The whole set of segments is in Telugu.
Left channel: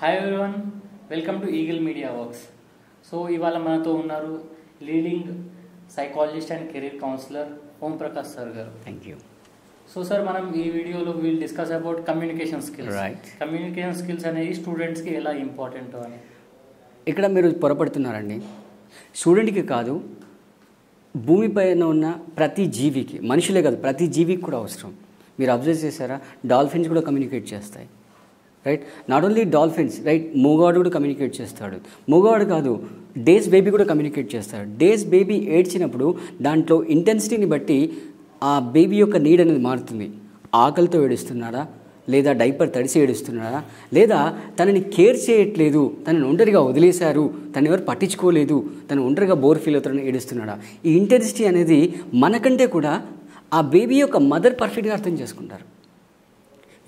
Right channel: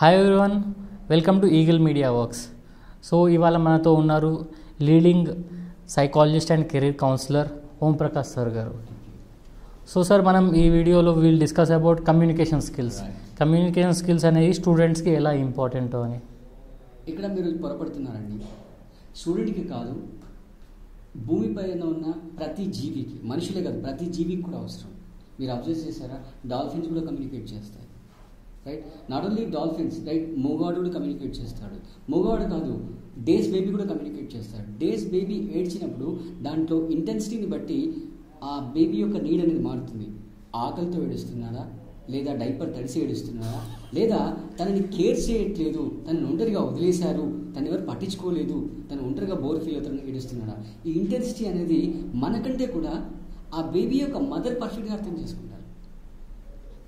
Hi everyone, welcome to eagle media works. So ఇవాళ మనతో ఉన్నారు leading psychologist and career counsellor Om Prakash sir గారు. Thank you. సో సార్, మనం ఈ వీడియోలో will discuss about communication skills. Right. Communication skills అనేవి స్టూడెంట్స్కి ఎలా ఇంపార్టెంటో అని. ఇక్కడ మీరు పొరపడుతున్నారండి. స్టూడెంట్కి కాదు, భూమిపైన ఉన్న ప్రతి జీవికి, మనుషులే కాదు ప్రతి జీవికి కూడా అవసరం. మీరు అబ్జర్వ్ చేశారా, డాల్ఫిన్స్ కూడా కమ్యూనికేట్ చేస్తాయి. Right, not only dolphins, right, మూగవాడు కూడా కమ్యూనికేట్ చేస్తాడు. మూగవాడు కాదు, డేస్ బేబీ కూడా కమ్యూనికేట్ చేస్తాడు. డేస్ బేబీ ఏడ్చినప్పుడు దాంట్లో ఇంటెన్సిటీని బట్టి ఆ బేబీ యొక్క నీడ్ అనేది మారుతుంది. ఆకలితో ఏడుస్తున్నాడా, లేదా డైపర్ తడిసి ఏడుస్తున్నాడా, లేదా తనని కేర్ చేయట్లేదు, తనని ఒంటరిగా వదిలేశారు, తను ఎవరు పట్టించుకోలేదు, తను ఒంటరిగా బోర్ ఫీల్ అవుతాడని ఏడుస్తున్నాడా. ఈ ఇంటెన్సిటీ అనేది మనకంటే కూడా ఆ బేబీ యొక్క మదర్ పర్ఫెక్ట్గా అర్థం చేసుకుంటారు.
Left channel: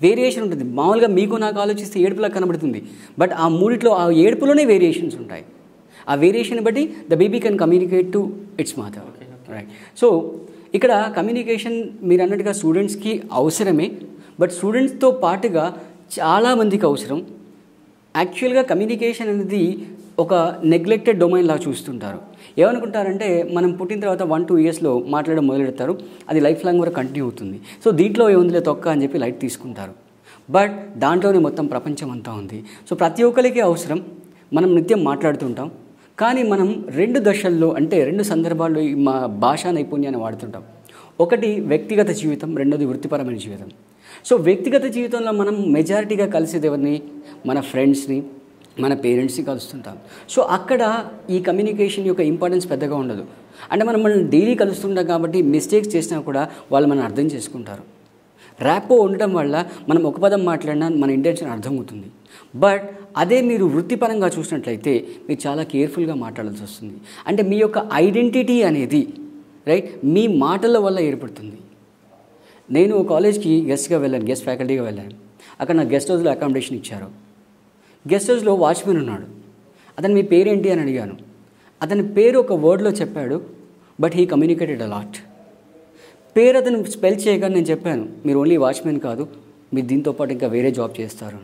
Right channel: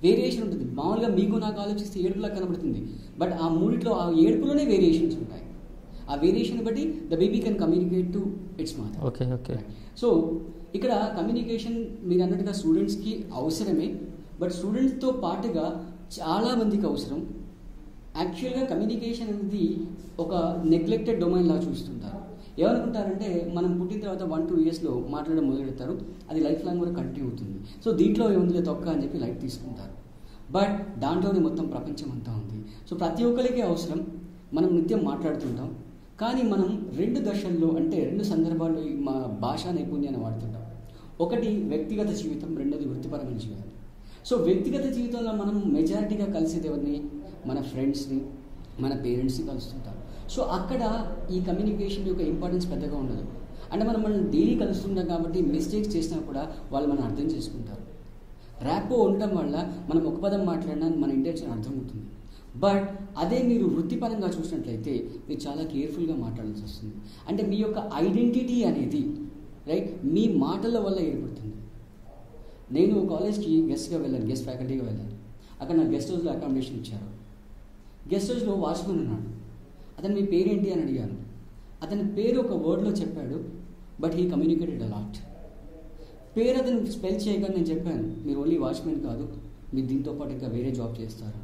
వేరియేషన్ ఉంటుంది. మామూలుగా మీకు నాకు ఆలోచిస్తే ఏడుపులా కనబడుతుంది, బట్ ఆ మూడిట్లో ఆ ఏడుపులోనే వేరియేషన్స్ ఉంటాయి. ఆ వేరియేషన్ బట్టి the baby can communicate to it's mother. Right. So ఇక్కడ కమ్యూనికేషన్ మీరు అన్నట్టుగా స్టూడెంట్స్కి అవసరమే, బట్ స్టూడెంట్స్తో పాటుగా చాలామందికి అవసరం. యాక్చువల్గా కమ్యూనికేషన్ అనేది ఒక నెగ్లెక్టెడ్ డొమైన్ లాగా చూస్తుంటారు. ఏమనుకుంటారంటే మనం పుట్టిన తర్వాత 1-2 ఇయర్స్లో మాట్లాడడం మొదలెడతారు, అది లైఫ్ లాంగ్ వరకు కంటిన్యూ అవుతుంది. సో దీంట్లో ఏముందిలే తొక్క అని చెప్పి లైట్ తీసుకుంటారు. బట్ దాంట్లోనే మొత్తం ప్రపంచం అంతా ఉంది. సో ప్రతి ఒక్కరికి అవసరం. మనం నిత్యం మాట్లాడుతుంటాం, కానీ మనం 2 దశల్లో, అంటే 2 సందర్భాల్లో ఈ మా భాషా నైపుణ్యాన్ని వాడుతుంటాం. ఒకటి వ్యక్తిగత జీవితం, రెండోది వృత్తిపరమైన జీవితం. సో వ్యక్తిగత జీవితంలో మనం మెజారిటీగా కలిసేది ఎవరిని, మన ఫ్రెండ్స్ని, మన పేరెంట్స్ని కలుస్తుంటాం. సో అక్కడ ఈ కమ్యూనికేషన్ యొక్క ఇంపార్టెన్స్ పెద్దగా ఉండదు. అంటే మనం డైలీ కలుస్తుంటాం కాబట్టి మిస్టేక్స్ చేసినా కూడా వాళ్ళు మనం అర్థం చేసుకుంటారు. ర్యాపో ఉండడం వల్ల మనం ఒక పదం మాట్లాడినా మన ఇంటెన్షన్ అర్థమవుతుంది. బట్ అదే మీరు వృత్తిపరంగా చూసినట్లయితే మీరు చాలా కేర్ఫుల్గా మాట్లాడాల్సి వస్తుంది. అంటే మీ యొక్క ఐడెంటిటీ అనేది, రైట్, మీ మాటల వల్ల ఏర్పడుతుంది. నేను కాలేజ్కి గెస్ట్గా వెళ్ళాను, గెస్ట్ ఫ్యాకల్టీగా వెళ్ళాను. అక్కడ నా గెస్ట్ హౌస్లో అకామిడేషన్ ఇచ్చారు. గెస్ట్ హౌస్లో వాచ్మెన్ ఉన్నాడు. అతను మీ పేరేంటి అని అడిగాను. అతని పేరు ఒక వర్డ్లో చెప్పాడు, బట్ హీ కమ్యూనికేటెడ్ అలాట్. పేరు అతను స్పెల్ చేయగా నేను చెప్పాను, మీరు ఓన్లీ వాచ్మెన్ కాదు, మీరు దీంతో పాటు ఇంకా వేరే జాబ్ చేస్తారు.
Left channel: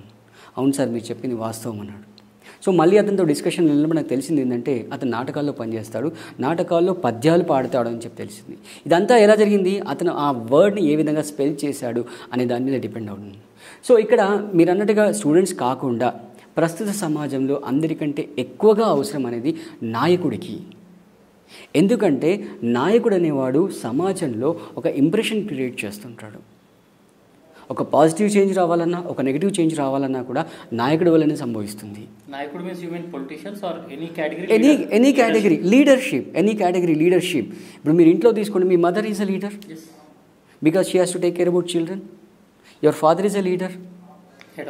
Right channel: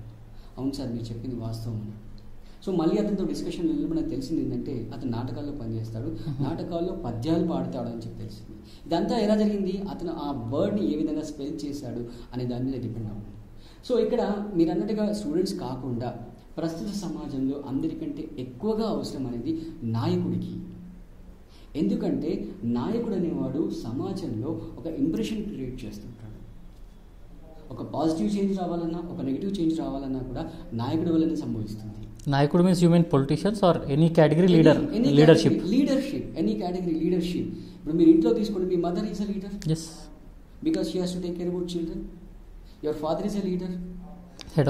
అవును సార్, మీరు చెప్పింది వాస్తవం అన్నాడు. సో మళ్ళీ అతనితో డిస్కషన్ వెళ్ళినప్పుడు నాకు తెలిసింది ఏంటంటే అతను నాటకాల్లో పనిచేస్తాడు, నాటకాల్లో పద్యాలు పాడతాడు అని చెప్పి తెలిసింది. ఇదంతా ఎలా జరిగింది, అతను ఆ వర్డ్ని ఏ విధంగా స్పెల్ చేశాడు అనే దాని మీద డిపెండ్ అవుతుంది. సో ఇక్కడ మీరు అన్నట్టుగా స్టూడెంట్స్ కాకుండా ప్రస్తుత సమాజంలో అందరికంటే ఎక్కువగా అవసరం అనేది నాయకుడికి. ఎందుకంటే నాయకుడు అనేవాడు సమాజంలో ఒక ఇంప్రెషన్ క్రియేట్ చేస్తుంటాడు. ఒక పాజిటివ్ చేంజ్ రావాలన్నా, ఒక నెగిటివ్ చేంజ్ రావాలన్నా కూడా నాయకుడి వల్లనే సంభవిస్తుంది. నాయకుడు means you mean politicians or any category? Any category leadership, any category leadership. ఇప్పుడు మీరు ఇంట్లో తీసుకోండి, మీ mother is a leader because she has to take care about children. Your father is a leader, head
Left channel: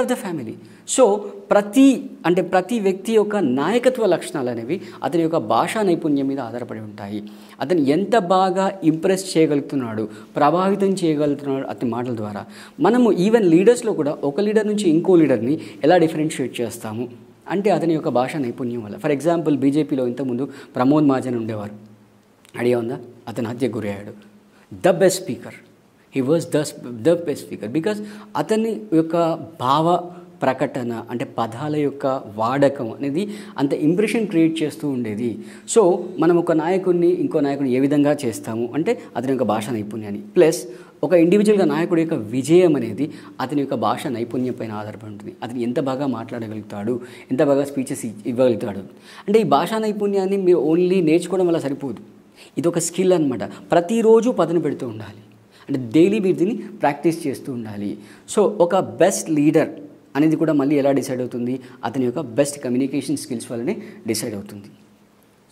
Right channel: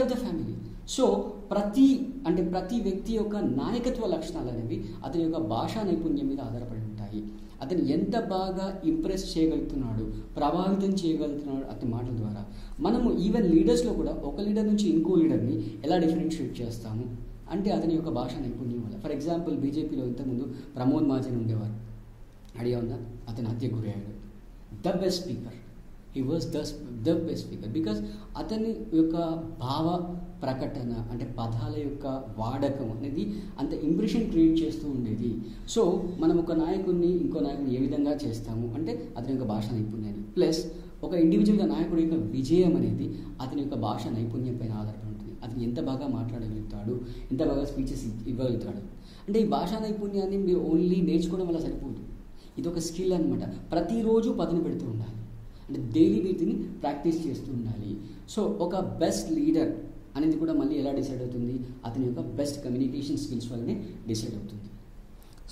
of the family. So ప్రతి వ్యక్తి యొక్క నాయకత్వ లక్షణాలు అనేవి అతని యొక్క భాషా నైపుణ్యం మీద ఆధారపడి ఉంటాయి. అతను ఎంత బాగా ఇంప్రెస్ చేయగలుగుతున్నాడు, ప్రభావితం చేయగలుగుతున్నాడు అతని మాటల ద్వారా. మనము ఈవెన్ లీడర్స్లో కూడా ఒక లీడర్ నుంచి ఇంకో లీడర్ని ఎలా డిఫరెన్షియేట్ చేస్తాము అంటే అతని యొక్క భాషా నైపుణ్యం వల్ల. ఫర్ ఎగ్జాంపుల్ బీజేపీలో ఇంతకుముందు ప్రమోద్ మహాజన్ ఉండేవారు, ఐడియా ఉందా? అతను హత్యకు గురయ్యాడు. The best speaker, he was the best speaker because అతని యొక్క భావ ప్రకటన, అంటే పదాల యొక్క వాడకం అనేది అంత ఇంప్రెషన్ క్రియేట్ చేస్తూ ఉండేది. సో మనం ఒక నాయకుడిని ఇంకో నాయకుడిని ఏ విధంగా చేస్తాము అంటే అతని యొక్క భాషా నైపుణ్యాన్ని, ప్లస్ ఒక ఇండివిజువల్గా నాయకుడి యొక్క విజయం అనేది అతని యొక్క భాషా నైపుణ్యం పైన ఆధారపడి ఉంటుంది. అతను ఎంత బాగా మాట్లాడగలుగుతాడు, ఎంత బాగా స్పీచెస్ ఇవ్వగలుగుతాడు. అంటే ఈ భాషా నైపుణ్యాన్ని మీరు ఓన్లీ నేర్చుకోవడం వల్ల సరిపోదు, ఇది ఒక స్కిల్ అనమాట. ప్రతిరోజు పదును పెడుతూ ఉండాలి, అంటే డైలీ మీరు దీన్ని ప్రాక్టీస్ చేస్తూ ఉండాలి. సో ఒక బెస్ట్ లీడర్ అనేది కూడా మళ్ళీ ఎలా డిసైడ్ అవుతుంది, అతని యొక్క బెస్ట్ కమ్యూనికేషన్ స్కిల్స్ వల్లనే డిసైడ్ అవుతుంది.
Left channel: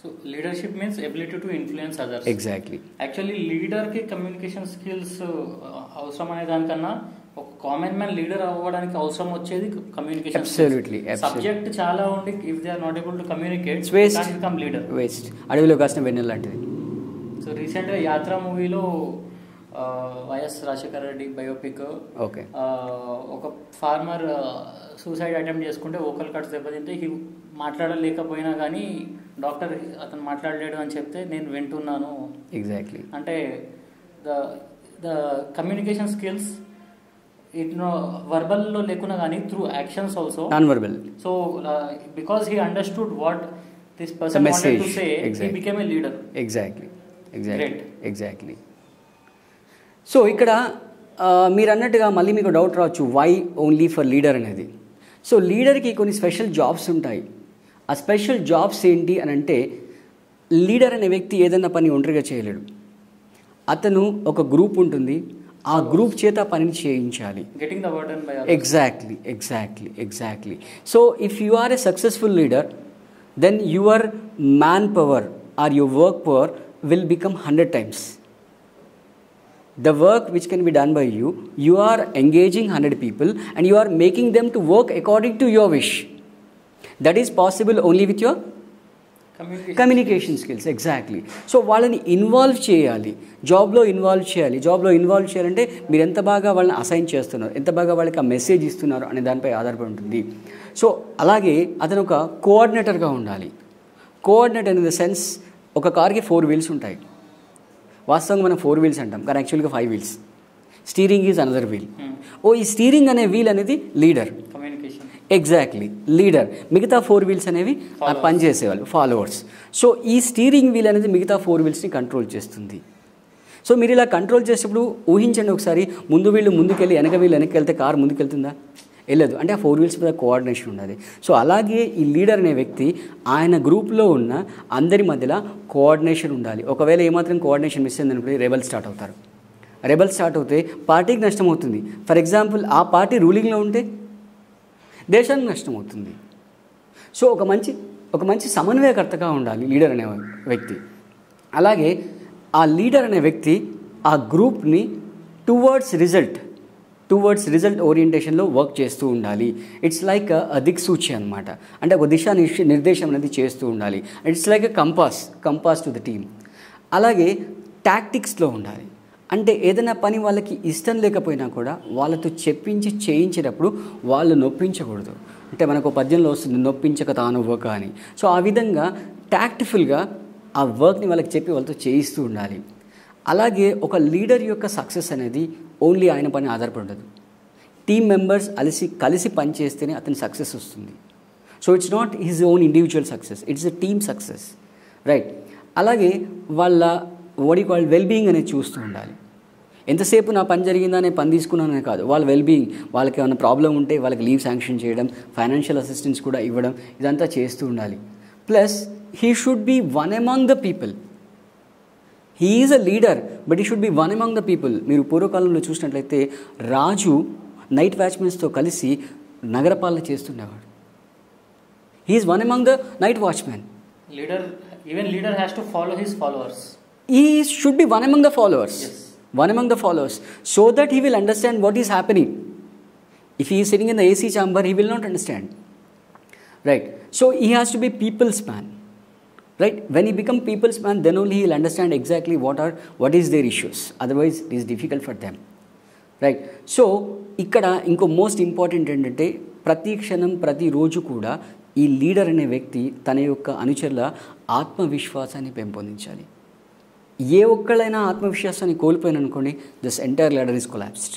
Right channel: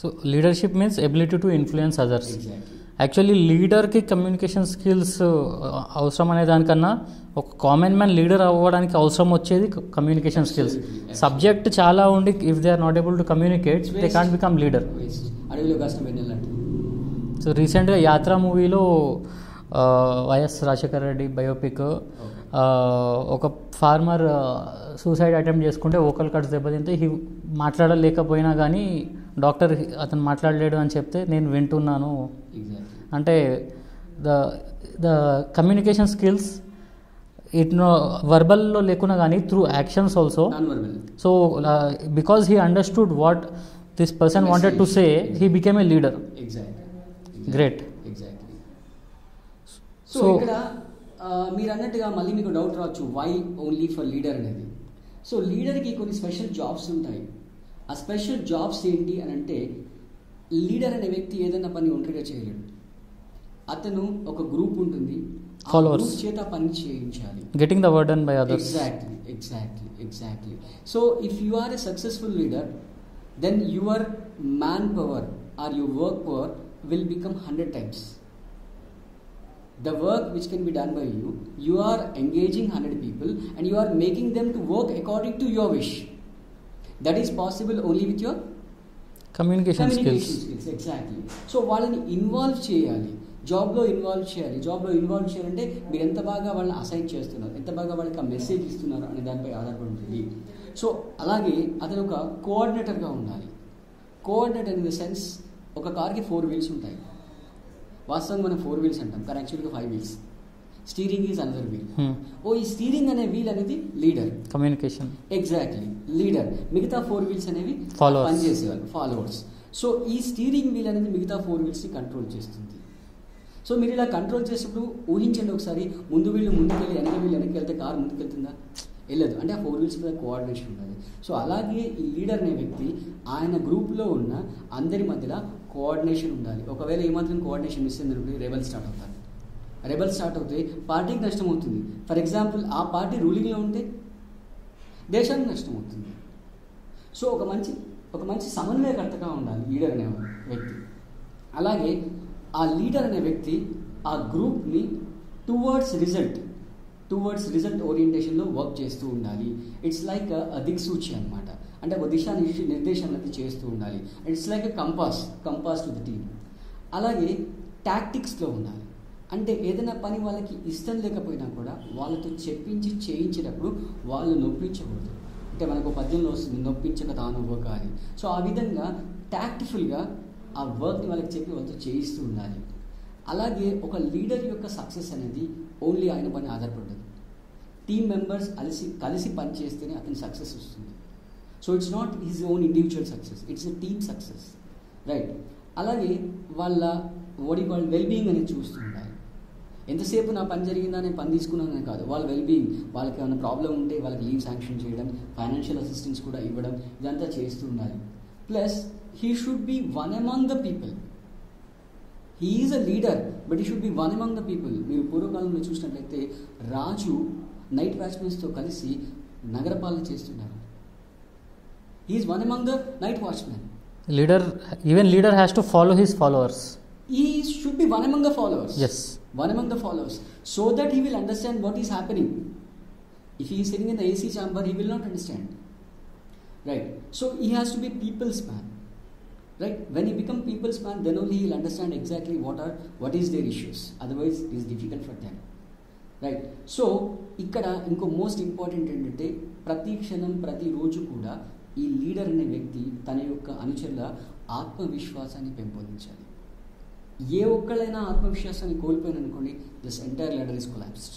So leadership means ability to influence others. Exactly. Actually లీడర్కి కమ్యూనికేషన్ స్కిల్స్ అవసరం అనే దానికన్నా ఒక కామన్ మ్యాన్ లీడర్ అవ్వడానికి అవసరం వచ్చేది కమ్యూనికేషన్ స్కిల్స్. సబ్జెక్ట్ చాలా ఉండి if they are not able to communicate they can't become leader. Waste, అడవిలో కాసిన వెన్నెల లాంటిది. సో రీసెంట్గా యాత్ర మూవీలో వైఎస్ రాజశేఖర రెడ్డి బయోపిక్, ఒక ఫార్మర్ సూసైడ్ అటెంప్ట్ చేసుకుంటే వోకల్ కార్డ్స్ దెబ్బతింటే మాట్లాడలేకపోయినా కానీ డాక్టర్ అతను మాట్లాడలేడు అని చెప్తే నేను వింటున్నాను. ఎగ్జాక్ట్లీ. అంటే ద కమ్యూనికేషన్ స్కిల్స్ ఇట్ వర్బల్లో లేకున్నా కానీ through actions also non verbal. So because he understood what this person wanted to say, he became a leader. Exactly great. Exactly. So ఇక్కడ మీరు అన్నట్టుగా మళ్ళీ మీకు డౌట్ రావచ్చు, వై ఓన్లీ ఫర్ లీడర్ అనేది. సో లీడర్కి కొన్ని స్పెషల్ జాబ్స్ ఉంటాయి. ఆ స్పెషల్ జాబ్స్ ఏంటి అని అంటే, లీడర్ అనే వ్యక్తి ఏదైనా పని ఒంటరిగా చేయలేడు. అతను ఒక గ్రూప్ ఉంటుంది, ఆ గ్రూప్ చేత పనిని చేయించాలి. Getting the work done by others. Exactly. So if you are a successful leader, then your manpower or your work power will become 100 times. The work which can be done by you, you are engaging 100 people and you are making them to work according to your wish. That is possible only with your communication skills. Exactly. So వాళ్ళని ఇన్వాల్వ్ చేయాలి, జాబ్లో ఇన్వాల్వ్ చేయాలంటే మీరు ఎంత బాగా వాళ్ళని అసైన్ చేస్తున్నారు, ఎంత బాగా వాళ్ళకి ఆ మెసేజ్ ఇస్తున్నారు అనే దానిపై ఆధారపడి ఉంటుంది. సో అలాగే అతను ఒక కోఆర్డినేటర్గా ఉండాలి. కోఆర్డినేటర్ ఇన్ ద సెన్స్, ఒక కార్కి 4 wheels ఉంటాయి. వాస్తవంగా మనం 4 wheels అంటాం, కానీ యాక్చువల్గా 5 wheels. Steering is another wheel. ఈ స్టీరింగ్ అనే వీల్ అనేది లీడర్, కమ్యూనికేషన్. Exactly, leader. మిగతా 4 wheels అనేవి పనిచేసేవాళ్ళు, ఫాలోవర్స్. సో ఈ స్టీరింగ్ వీల్ అనేది మిగతా 4 wheelsని కంట్రోల్ చేస్తుంది. సో మీరు ఇలా కంట్రోల్ చేసేటప్పుడు ఊహించండి ఒకసారి, ముందు వీళ్ళు ముందుకెళ్ళి వెనక వీళ్ళు వెనక్కి వెళ్తే కారు ముందుకెళ్తుందా? వెళ్ళదు. అంటే ఆ 4 wheels మీద కోఆర్డినేషన్ ఉండాలి. సో అలాగే ఈ లీడర్ అనే వ్యక్తి ఆయన గ్రూప్లో ఉన్న అందరి మధ్యలో కోఆర్డినేషన్ ఉండాలి. ఒకవేళ ఏమాత్రం కోఆర్డినేషన్ మిస్ అయిందనుకుంటే రెబల్ స్టార్ట్ అవుతారు. రెబల్ స్టార్ట్ అవుతే పార్టీకి నష్టం అవుతుంది. ఫర్ ఎగ్జాంపుల్, ఆ పార్టీ రూలింగ్లో ఉంటే దేశానికి నష్టం అవుతుంది. సో ఒక మంచి సమన్వయకర్తగా ఉండాలి లీడర్ అనే వ్యక్తి. అలాగే ఆ లీడర్ అనే వ్యక్తి ఆ గ్రూప్ని టువర్డ్స్ రిజల్ట్ ఓరియంటేషన్లో వర్క్ చేస్తూ ఉండాలి. ఇట్స్ లైక్ దిక్సూచి అనమాట. అంటే ఒక నిర్దేశం అనేది చేస్తూ ఉండాలి. It's like a compass to the team. అలాగే టాక్టిక్స్లో ఉండాలి. అంటే ఏదైనా పని వాళ్ళకి ఇష్టం లేకపోయినా కూడా వాళ్ళతో చెప్పించి చేయించేటప్పుడు వాళ్ళు నొప్పించకూడదు. అంటే మనకు పద్యంలో వస్తుంది, నొప్పించక తానవ్వక అని. సో ఆ విధంగా టాక్టిఫుల్గా ఆ వర్క్ని వాళ్ళకి చెప్పి వాళ్ళతో చేయిస్తూ ఉండాలి. అలాగే ఒక లీడర్ యొక్క సక్సెస్ అనేది ఓన్లీ ఆయన పని ఆధారపడదు. టీమ్ మెంబర్స్ కలిసి పనిచేస్తేనే అతని సక్సెస్ వస్తుంది. So it's not his own individual success, it's a team success, right. అలాగే వాళ్ళ వెల్బీయింగ్ అనేది చూస్తూ ఉండాలి. ఎంతసేపు నా పని జరిగిందా, నేను పని తీసుకున్నాననే కాదు, వాళ్ళ వెల్బీయింగ్, వాళ్ళకి ఏమైనా ప్రాబ్లం ఉంటే వాళ్ళకి లీవ్ శాంక్షన్ చేయడం, ఫైనాన్షియల్ అసిస్టెన్స్ కూడా ఇవ్వడం, ఇదంతా చేస్తూ ఉండాలి. Plus he should be one among the people. He is a leader but he should be one among the people. మీరు పూర్వకాలంలో చూసినట్లయితే రాజు నైట్ వాచ్మెన్స్తో కలిసి నగరపాలన చేస్తుండేవాడు. He is one among the night watchmen. Leader has to follow his followers. He should be one among the followers. Yes. One among the followers, so that he will understand what is happening. If he is sitting in the AC chamber, he will not understand. Right. So he has to be people's man. Right. When he become people's man, then only he will understand exactly what is their issues. Otherwise, it is difficult for them. Right. So ikkada inko most important ఏంటంటే ప్రతి క్షణం ప్రతి రోజు కూడా ఈ లీడర్ అనే వ్యక్తి తన యొక్క అనుచరుల ఆత్మవిశ్వాసాన్ని పెంపొందించాలి. ఏ ఒక్కళ్ళైనా ఆత్మవిశ్వాసాన్ని కోల్పోయిననుకోండి, this entire leader is collapsed.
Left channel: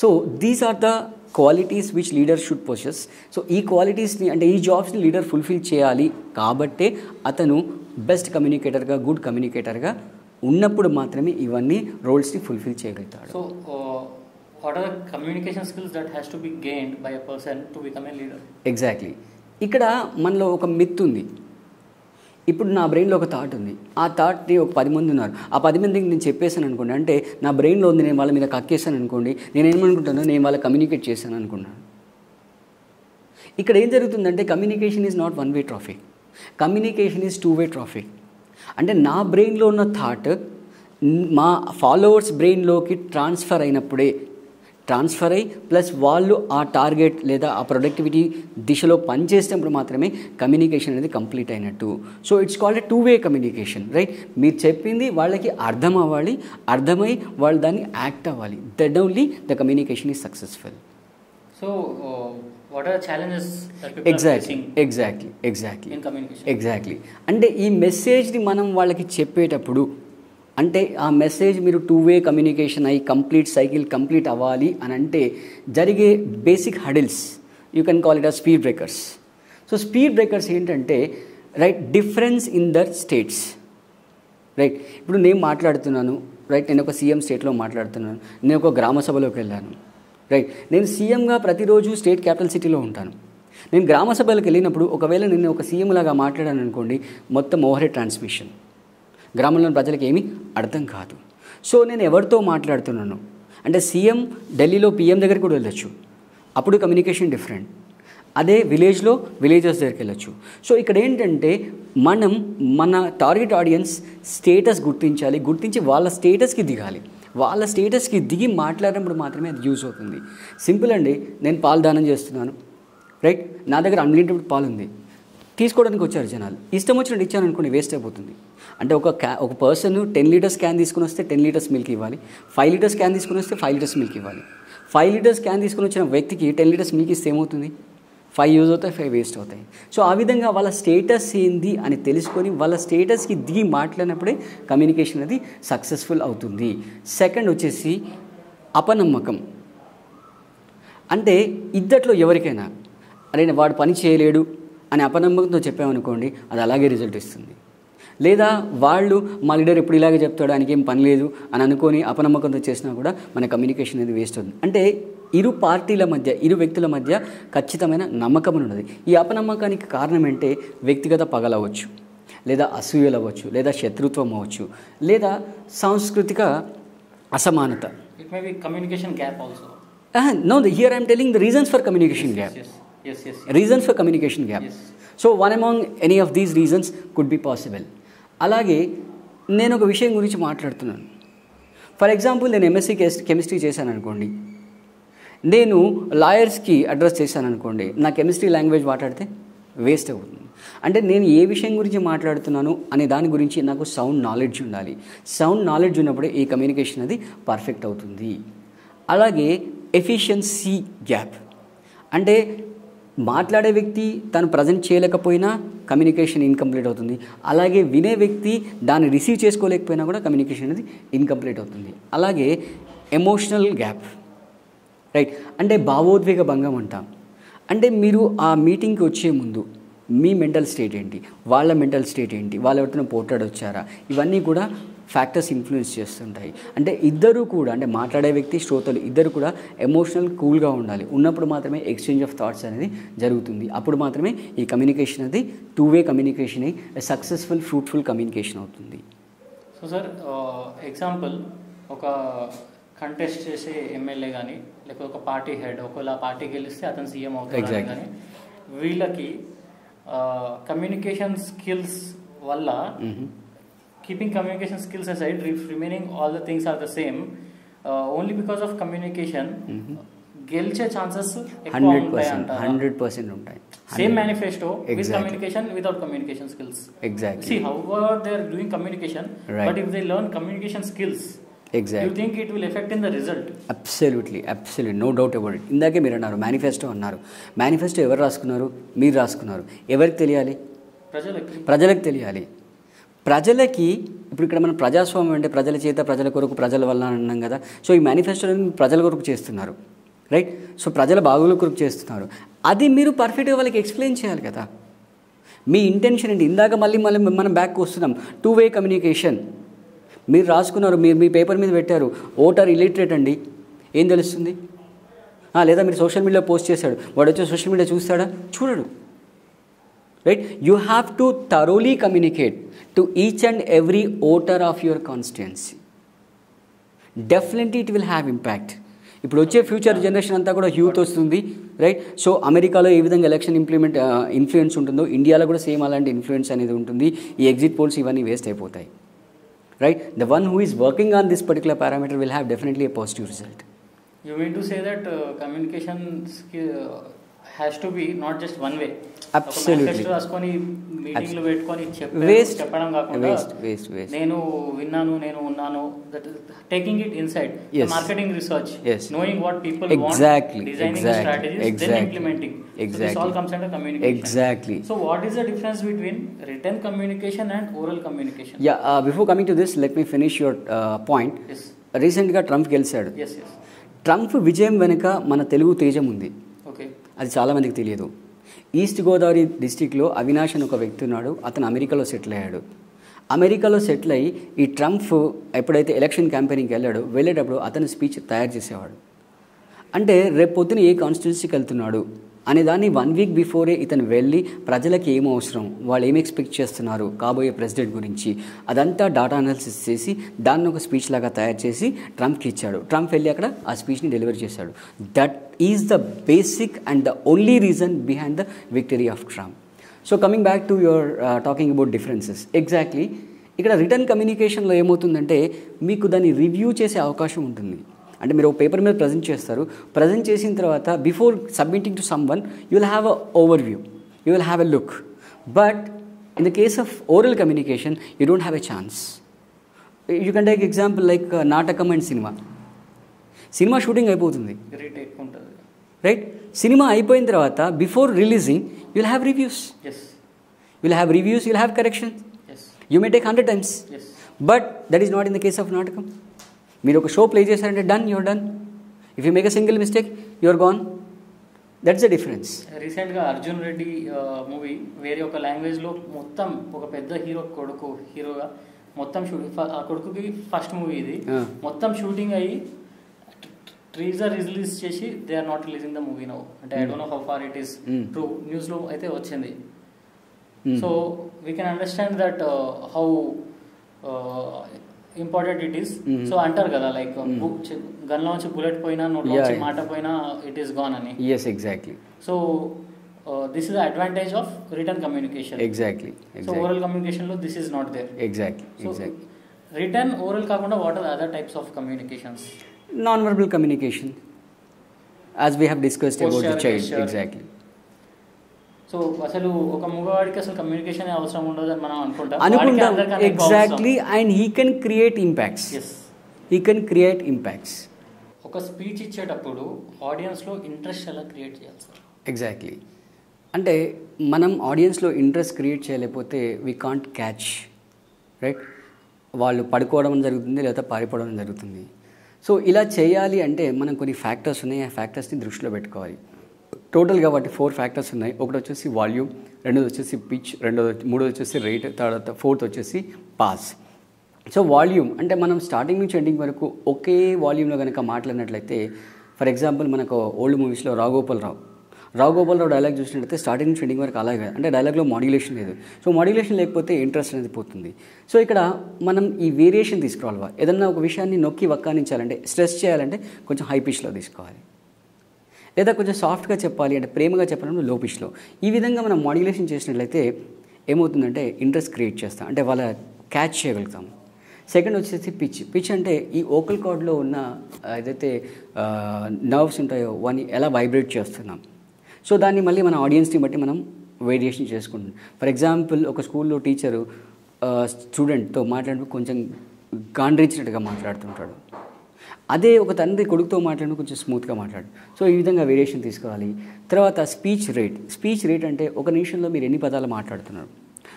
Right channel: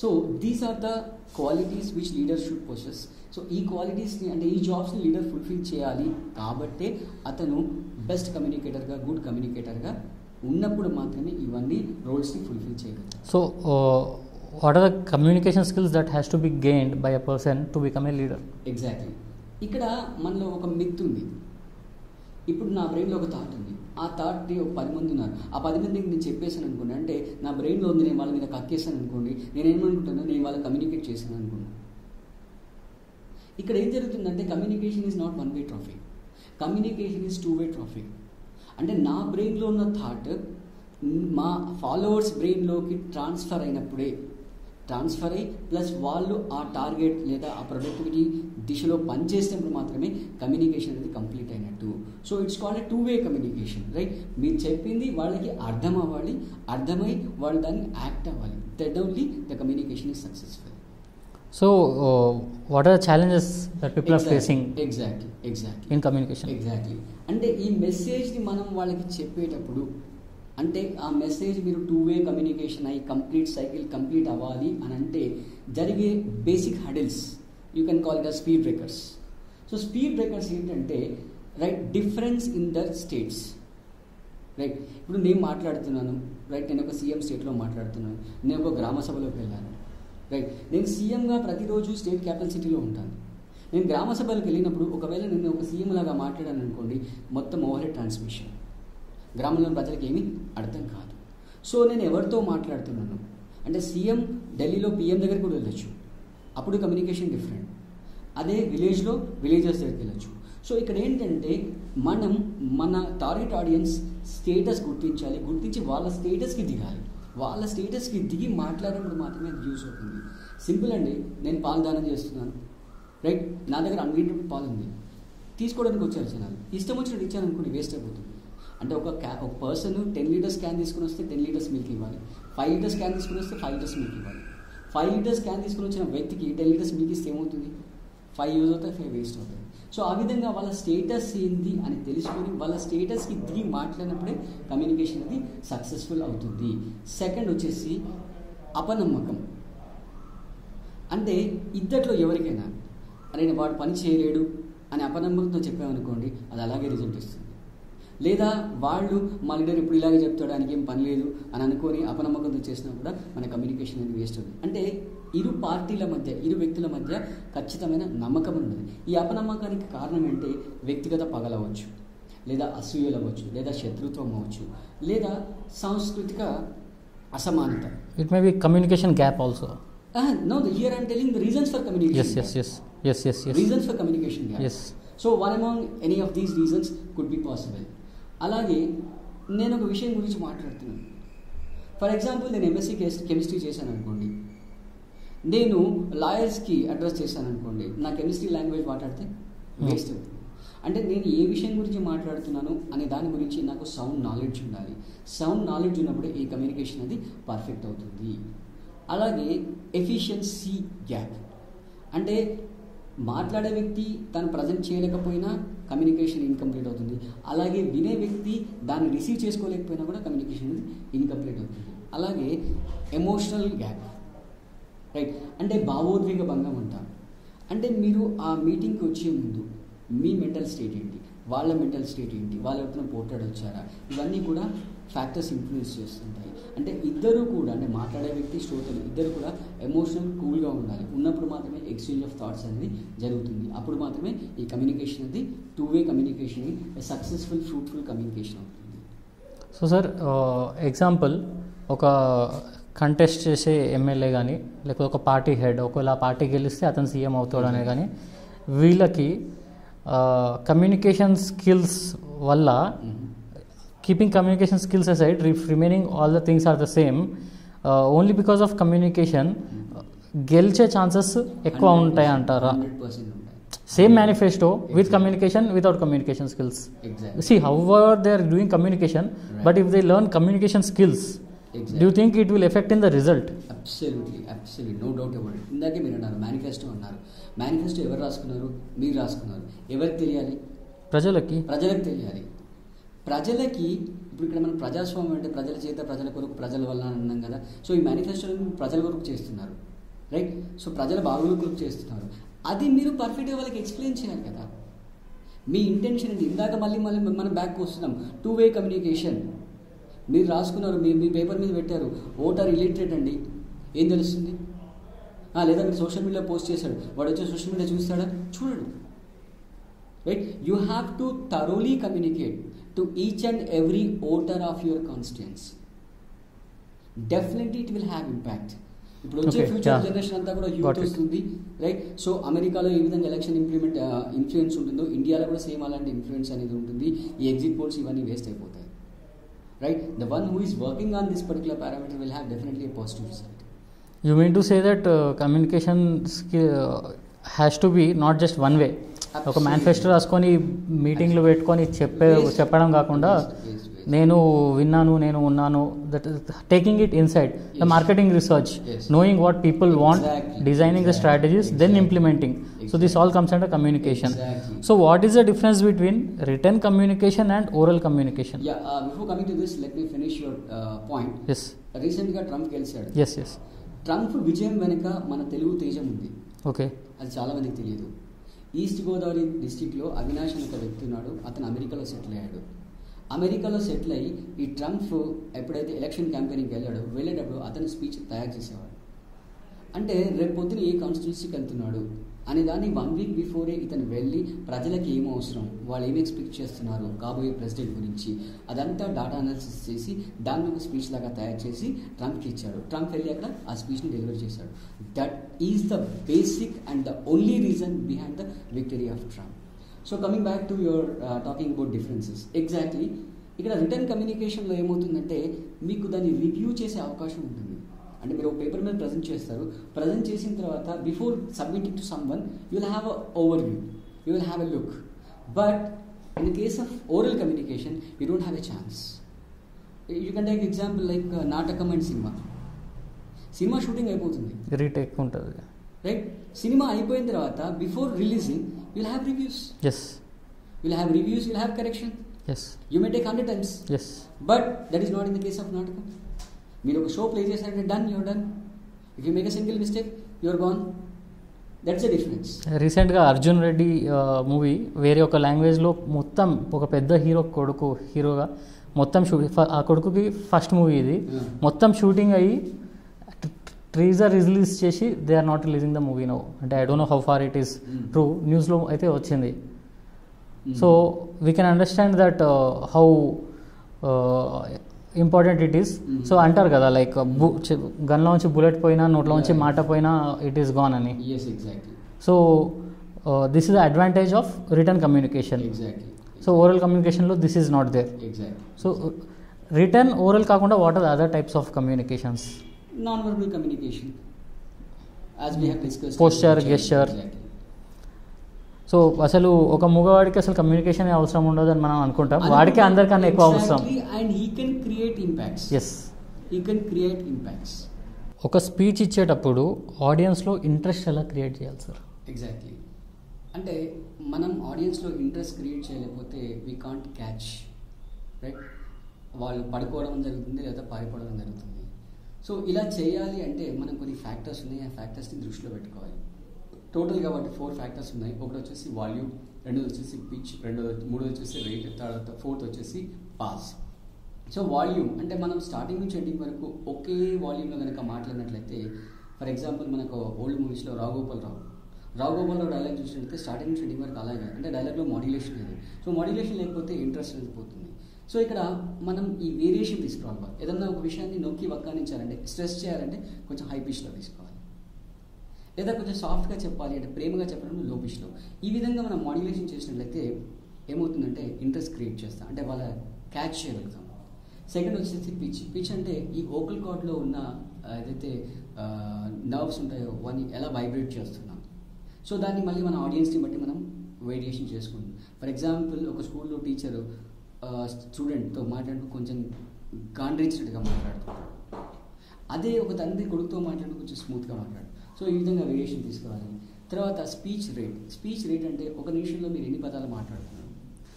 So these are the qualities which leader should possess. So ఈ క్వాలిటీస్ని, అంటే ఈ జాబ్స్ని లీడర్ ఫుల్ఫిల్ చేయాలి. కాబట్టే అతను బెస్ట్ కమ్యూనికేటర్గా, గుడ్ కమ్యూనికేటర్గా ఉన్నప్పుడు మాత్రమే ఇవన్నీ రోల్స్ని ఫుల్ఫిల్ చేయగలుగుతాడు. So what are the communication skills that has to be gained by a person to become a leader? Exactly. ఇక్కడ మనలో ఒక మిత్ ఉంది. ఇప్పుడు నా బ్రెయిన్లో ఒక థాట్ ఉంది. ఆ థాట్ని ఒక 10 మంది ఉన్నారు. ఆ 10 మందికి నేను చెప్పేశాను అనుకోండి, అంటే నా బ్రెయిన్లో ఉంది, నేను వాళ్ళ మీద కక్కేసాను అనుకోండి, నేను ఏమనుకుంటాను, నేను వాళ్ళకి కమ్యూనికేట్ చేశాను అనుకున్నాను. ఇక్కడ ఏం జరుగుతుందంటే communication is not 1-way traffic, communication is 2-way traffic. అంటే నా బ్రెయిన్లో ఉన్న థాట్ మా ఫాలోవర్స్ బ్రెయిన్లోకి ట్రాన్స్ఫర్ అయ్యి ప్లస్ వాళ్ళు ఆ టార్గెట్ లేదా ఆ ప్రొడక్టివిటీ దిశలో పనిచేసినప్పుడు మాత్రమే కమ్యూనికేషన్ అనేది కంప్లీట్ అయినట్టు. So it's called a 2-way communication, right. మీరు చెప్పింది వాళ్ళకి అర్థం అవ్వాలి, అర్థమై వాళ్ళు దాన్ని యాక్ట్ అవ్వాలి. Then only the communication is successful. So what are the challenges that people are facing? Exactly in communication? Exactly. అంటే ఈ మెసేజ్ని మనం వాళ్ళకి చెప్పేటప్పుడు అంటే ఆ మెసేజ్ మీరు 2-వే కమ్యూనికేషన్ అయ్యి కంప్లీట్ సైకిల్ కంప్లీట్ అవ్వాలి అని అంటే జరిగే basic hurdles you can call it ఆ speed breakers. So speed breakers ఏంటంటే right difference in the states. Right ఇప్పుడు నేను మాట్లాడుతున్నాను, రైట్ నేను ఒక సీఎం స్టేట్లో మాట్లాడుతున్నాను, నేను ఒక గ్రామ సభలోకి వెళ్ళాను. రైట్ నేను సీఎంగా ప్రతిరోజు స్టేట్ క్యాపిటల్ సిటీలో ఉంటాను. నేను గ్రామ సభలకు వెళ్ళినప్పుడు ఒకవేళ నేను ఒక సీఎం లాగా మాట్లాడాను అనుకోండి, మొత్తం ఓవర్ హెడ్ ట్రాన్స్మిషన్, గ్రామంలోని ప్రజలకు ఏమీ అర్థం కాదు. సో నేను ఎవరితో మాట్లాడుతున్నాను అంటే సీఎం ఢిల్లీలో పీఎం దగ్గరికి కూడా వెళ్ళొచ్చు, అప్పుడు కమ్యూనికేషన్ డిఫరెంట్. అదే విలేజ్లో విలేజర్స్ దగ్గరికి వెళ్ళొచ్చు. సో ఇక్కడ ఏంటంటే మనం మన టార్గెట్ ఆడియన్స్ స్టేటస్ గుర్తించాలి, గుర్తించి వాళ్ళ స్టేటస్కి దిగాలి. వాళ్ళ స్టేటస్కి దిగి మాట్లాడినప్పుడు మాత్రమే అది యూజ్ అవుతుంది. సింపుల్ అండి, నేను పాలు దానం చేస్తున్నాను, రైట్, నా దగ్గర అన్లిమిటెడ్ పాలు ఉంది, తీసుకోవడానికి వచ్చారు జనాలు, ఇష్టం వచ్చినట్టు ఇచ్చాను అనుకోండి, వేస్ట్ అయిపోతుంది. అంటే ఒక పర్సన్ 10 లీటర్స్ క్యాన్ తీసుకుని వస్తే 10 లీటర్స్ మిల్క్ ఇవ్వాలి, 5 లీటర్స్ క్యాన్ తీసుకుని వస్తే 5 లీటర్స్ మిల్క్ ఇవ్వాలి. 5 లీటర్స్ క్యాన్ తీసుకుని వచ్చిన వ్యక్తికి 10 లీటర్స్ మిల్క్ ఇస్తే ఏమవుతుంది? 5 యూజ్ అవుతాయి, 5 వేస్ట్ అవుతాయి. సో ఆ విధంగా వాళ్ళ స్టేటస్ ఏంది అని తెలుసుకొని వాళ్ళ స్టేటస్కి దిగి మాట్లాడినప్పుడే కమ్యూనికేషన్ అనేది సక్సెస్ఫుల్ అవుతుంది. సెకండ్ వచ్చేసి అపనమ్మకం. అంటే ఇద్దట్లో ఎవరికైనా అరే వాడు పని చేయలేడు అని అపనమ్మకంతో చెప్పామనుకోండి, అది అలాగే రిజల్ట్ ఇస్తుంది. లేదా వాళ్ళు మా లీడర్ ఎప్పుడు ఇలాగే చెప్తాడు, ఆయనకి ఏం పని లేదు అని అనుకొని అపనమ్మకంతో చేసినా కూడా మన కమ్యూనికేషన్ అనేది వేస్ట్ అవుతుంది. అంటే ఇరు పార్టీల మధ్య, ఇరు వ్యక్తుల మధ్య ఖచ్చితమైన నమ్మకం ఉన్నది. ఈ అపనమ్మకానికి కారణం ఏంటంటే వ్యక్తిగత పగలవచ్చు, లేదా అసూయలు అవ్వచ్చు, లేదా శత్రుత్వం అవ్వచ్చు, లేదా సాంస్కృతిక అసమానత. It may be communication gap also. No, here I am telling the reasons for communication gap. Yes. Reasons for communication gap. Yes. So one among any of these reasons could be possible. అలాగే నేను ఒక విషయం గురించి మాట్లాడుతున్నాను. ఫర్ ఎగ్జాంపుల్ నేను ఎంఎస్సీ కెమిస్ట్రీ చేశాను అనుకోండి, నేను లాయర్స్కి అడ్రస్ చేశాను అనుకోండి, నా కెమిస్ట్రీ లాంగ్వేజ్ మాట్లాడితే వేస్ట్ అవుతుంది. అంటే నేను ఏ విషయం గురించి మాట్లాడుతున్నాను అనే దాని గురించి నాకు సౌండ్ నాలెడ్జ్ ఉండాలి. సౌండ్ నాలెడ్జ్ ఉన్నప్పుడే ఈ కమ్యూనికేషన్ అది పర్ఫెక్ట్ అవుతుంది. అలాగే ఎఫిషియన్సీ గ్యాప్. అంటే మాట్లాడే వ్యక్తి తను ప్రజెంట్ చేయలేకపోయినా కమ్యూనికేషన్ ఇన్కంప్లీట్ అవుతుంది. అలాగే వినే వ్యక్తి దాన్ని రిసీవ్ చేసుకోలేకపోయినా కూడా కమ్యూనికేషన్ అనేది ఇన్కంప్లీట్ అవుతుంది. అలాగే ఎమోషనల్ గ్యాప్, రైట్, అంటే భావోద్వేగ భంగం అంటాం. అంటే మీరు ఆ మీటింగ్కి వచ్చే ముందు మీ మెంటల్ స్టేట్ ఏంటి, వాళ్ళ మెంటల్ స్టేట్ ఏంటి, వాళ్ళు ఎవరితో పోట్లాడొచ్చారా, ఇవన్నీ కూడా ఫ్యాక్టర్స్ ఇన్ఫ్లుయెన్స్ చేస్తుంటాయి. అంటే ఇద్దరు కూడా, అంటే మాట్లాడే వ్యక్తి, శ్రోతలు ఇద్దరు కూడా ఎమోషనల్ కూల్గా ఉండాలి. ఉన్నప్పుడు మాత్రమే ఎక్స్చేంజ్ ఆఫ్ థాట్స్ అనేది జరుగుతుంది. అప్పుడు మాత్రమే ఈ కమ్యూనికేషన్ అది 2-వే కమ్యూనికేషన్ అయ్యి సక్సెస్ఫుల్ ఫ్రూట్ఫుల్ కమ్యూనికేషన్ అవుతుంది. సో సార్, ఎగ్జాంపుల్ ఒక కంటెస్ట్ చేసే ఎమ్మెల్యే కానీ లేకపోతే ఒక పార్టీ హెడ్, ఒకవేళ ఆ పార్టీ గెలిస్తే అతను సీఎం అవుతాడు కానీ వీళ్ళకి కమ్యూనికేషన్ స్కిల్స్ వల్ల, keeping communication skills aside, remaining all the things are the same, only because of communication గెలిచే ఛాన్సెస్ ఎక్కువ ఉంటాయి అంటారా? 100% ఉంటాయి. Same manifesto with communication, without communication skills. Exactly. See, however they are doing communication, right, but if they learn communication skills, exactly, do you think it will affect in the result? Absolutely, no doubt about it. ఇందాకే మీరు అన్నారు మేనిఫెస్టో అన్నారు. మేనిఫెస్టో ఎవరు రాసుకున్నారు? మీరు రాసుకున్నారు. ఎవరికి తెలియాలి? ప్రజలకు తెలియాలి. ప్రజలకి ఇప్పుడు ఇక్కడ మనం ప్రజాస్వామ్యం అంటే ప్రజల చేత, ప్రజల కొరకు, ప్రజల వల్ల అన్నాం కదా. సో ఈ మేనిఫెస్టోని ప్రజల కొరకు చేస్తున్నారు, రైట్. సో ప్రజల బాగోగుల కొరకు చేస్తున్నారు. అది మీరు పర్ఫెక్ట్గా వాళ్ళకి ఎక్స్ప్లెయిన్ చేయాలి కదా. మీ ఇంటెన్షన్ ఏంటి? ఇందాక మళ్ళీ మనం బ్యాక్ వస్తున్నాం. 2-వే కమ్యూనికేషన్. మీరు రాసుకున్నారు, మీరు మీ పేపర్ మీద పెట్టారు, ఓటర్ ఇలిటరేట్ అండి, ఏం తెలుస్తుంది? లేదా మీరు సోషల్ మీడియాలో పోస్ట్ చేశాడు, వాడు వచ్చి సోషల్ మీడియా చూస్తాడా? చూడడు, right. You have to thoroughly communicate to each and every voter of your constituency. Definitely it will have impact. ఇప్పుడు వచ్చే ఫ్యూచర్ జనరేషన్ అంతా కూడా యూత్ వస్తుంది, రైట్. సో అమెరికాలో ఏ విధంగా ఎలక్షన్ ఇన్ఫ్లుయెన్స్ ఉంటుందో ఇండియాలో కూడా సేమ్ అలాంటి ఇన్ఫ్లుయెన్స్ అనేది ఉంటుంది. ఈ ఎగ్జిట్ పోల్స్ ఇవన్నీ వేస్ట్ అయిపోతాయి, right. The one who is working on this particular parameter will have definitely a positive result. You mean to say that communication has to be not just one way. ఒక మేనిఫెస్టో రాసుకొని మీటింగ్లు పెట్టుకొని చెప్పడం కాకుండా నేను విన్నాను, నేను ఉన్నాను, that taking it inside the marketing research, knowing what people want, designing the strategies, then implementing. So this all comes under communication. So what is the difference between written communication and oral communication? Before coming to this, let me finish your point. Yes. Recent గా ట్రంప్ గెలిచాడు. Yes. ట్రంప్ విజయం వెనుక మన తెలుగు తేజం ఉంది. ఓకే, అది చాలా మందికి తెలియదు. ఈస్ట్ గోదావరి డిస్టిక్లో అవినాష్ అని ఒక వ్యక్తి ఉన్నాడు. అతను అమెరికాలో సెటిల్ అయ్యాడు. అమెరికాలో సెటిల్ అయ్యి ఈ ట్రంప్ ఎప్పుడైతే ఎలక్షన్ క్యాంపెయినింగ్కి వెళ్ళేటప్పుడు అతను స్పీచ్ తయారు చేసేవాడు. అంటే రేపు పొద్దున ఏ కాన్స్టిట్యూన్సీకి వెళ్తున్నాడు అనే దాన్ని 1 వీక్ బిఫోరే ఇతను వెళ్ళి ప్రజలకు ఏం అవసరం, వాళ్ళు ఏం ఎక్స్పెక్ట్ చేస్తున్నారు కాబోయే ప్రెసిడెంట్ గురించి, అదంతా డాటా అనాలిసిస్ చేసి దాన్ని ఒక స్పీచ్ లాగా తయారు చేసి ట్రంప్కి ఇచ్చాడు. ట్రంప్ వెళ్ళి అక్కడ ఆ స్పీచ్ని డెలివరీ చేశాడు. That is the basic and the only reason behind the victory of Trump. So coming back to your talking about differences, exactly ఇక్కడ రిటర్న్ కమ్యూనికేషన్లో ఏమవుతుందంటే మీకు దాన్ని రివ్యూ చేసే అవకాశం ఉంటుంది. అంటే మీరు ఒక పేపర్ మీద ప్రజెంట్ చేస్తారు. ప్రజెంట్ చేసిన తర్వాత before submitting to someone you will have a overview, you will have a look. But in the case of oral communication you don't have a chance. You can take example like నాటకం అండ్ సినిమా షూటింగ్ అయిపోతుంది, రీటేక్ ఉంటుంది, రైట్? సినిమా అయిపోయిన తర్వాత before releasing you will have reviews. Yes, you will have reviews, you will have corrections. Yes, you may take 100 times. Yes, but that is not in the case of నాటకం. మీరు ఒక షో ప్లే చేశారంటే done, your done. If you make a single mistake your gone. That's the difference. రీసెంట్గా అర్జున్ రెడ్డి మూవీ వేరే ఒక లాంగ్వేజ్లో మొత్తం ఒక పెద్ద హీరోగా మొత్తం షూటింగ్, ఆ కొడుకుకి ఫస్ట్ మూవీ ఇది, మొత్తం షూటింగ్ అయ్యి ట్రీజర్ రిలీజ్ చేసి they are not releasing the movie now. అంటే I don't know how far it is true, న్యూస్లో అయితే వచ్చింది. So we can understand that how important it is. So అంటారు కదా లైక్ గన్లోంచి బుల్లెట్ పోయినా నోట్లోంచి మాట పోయినా ఇట్ ఈస్ గాన్ అని. yes exactly. So this is the advantage of return communication. exactly. So oral కమ్యూనికేషన్లో this is not there. exactly. So return oral కాకుండా what are other types of communications? Non verbal communication as we have discussed. Posture, gesture. exactly. So అసలు ఒక మగవాడికి అసలు కమ్యూనికేషన్ అవసరం ఉండదు అని మనం అనుకుంటాం. వాడికి అందరికన్నా ఎక్కువ అవసరం. Exactly, and he can create impacts. Yes, he can create impacts. ఒక స్పీచ్ ఇచ్చేటప్పుడు ఆడియన్స్లో ఇంట్రెస్ట్ ఎలా క్రియేట్ చేయాలి సార్? ఎగ్జాక్ట్లీ, అంటే మనం ఆడియన్స్లో ఇంట్రెస్ట్ క్రియేట్ చేయలేకపోతే వీ కాంట్ క్యాచ్, రైట్? వాళ్ళు పడుకోవడం జరుగుతుంది లేదా పారిపోవడం జరుగుతుంది. సో ఇలా చేయాలి అంటే మనం కొన్ని ఫ్యాక్టర్స్ ఉన్నాయి, ఆ ఫ్యాక్టర్స్ని దృష్టిలో పెట్టుకోవాలి. టోటల్గా వాటి 4 ఫ్యాక్టర్స్ ఉన్నాయి. ఒకటి వచ్చేసి వాల్యూమ్, రెండోది వచ్చేసి పిచ్, మూడోది వచ్చేసి రేట్, తర్వాత ఫోర్త్ వచ్చేసి పాస్. సో వాల్యూమ్ అంటే మనం స్టార్టింగ్ నుంచి ఎండింగ్ వరకు ఒకే వాల్యూమ్లో కనుక మాట్లాడినట్లయితే, ఫర్ ఎగ్జాంపుల్ మనకు ఓల్డ్ మూవీస్లో రాఘగోపాల్ రావు డైలాగ్ చూసినట్లయితే స్టార్టింగ్ నుంచి ఎండింగ్ వరకు అలాగే, అంటే డైలాగ్లో మాడ్యులేషన్ లేదు. సో మాడ్యులేషన్ లేకపోతే ఇంట్రెస్ట్ అనేది పోతుంది. సో ఇక్కడ మనం ఈ వేరియేషన్ తీసుకురావాలి. ఏదన్నా ఒక విషయాన్ని నొక్కి వక్కానించాలంటే, స్ట్రెస్ చేయాలంటే కొంచెం హై పిచ్లో తీసుకోవాలి, లేదా కొంచెం సాఫ్ట్గా చెప్పాలి అంటే ప్రేమగా చెప్పాలంటే లో పిచ్లో. ఈ విధంగా మనం మాడ్యులేషన్ చేసినట్లయితే ఏమవుతుందంటే ఇంట్రెస్ట్ క్రియేట్ చేస్తాం, అంటే వాళ్ళ క్యాచ్ చేయగలుగుతాము. సెకండ్ వచ్చేసి పిచ్ అంటే ఈ ఓకల్ కార్డ్లో ఉన్న ఏదైతే నర్వ్స్ ఉంటాయో వాటిని ఎలా వైబ్రేట్ చేస్తున్నాం. సో దాన్ని మళ్ళీ మన ఆడియన్స్ని బట్టి మనం వేరియేషన్ చేసుకుంటాం. ఫర్ ఎగ్జాంపుల్ ఒక స్కూల్లో టీచరు స్టూడెంట్తో మాట్లాడినప్పుడు కొంచెం గాండ్రించినట్టుగా మాట్లాడుతుంటాడు. అదే ఒక తండ్రి కొడుకుతో మాట్లాడినప్పుడు కొంచెం స్మూత్గా మాట్లాడు. సో ఈ విధంగా వేరియేషన్ తీసుకోవాలి. తర్వాత స్పీచ్ రేట్ అంటే ఒక నిమిషంలో మీరు ఎన్ని పదాలు మాట్లాడుతున్నారు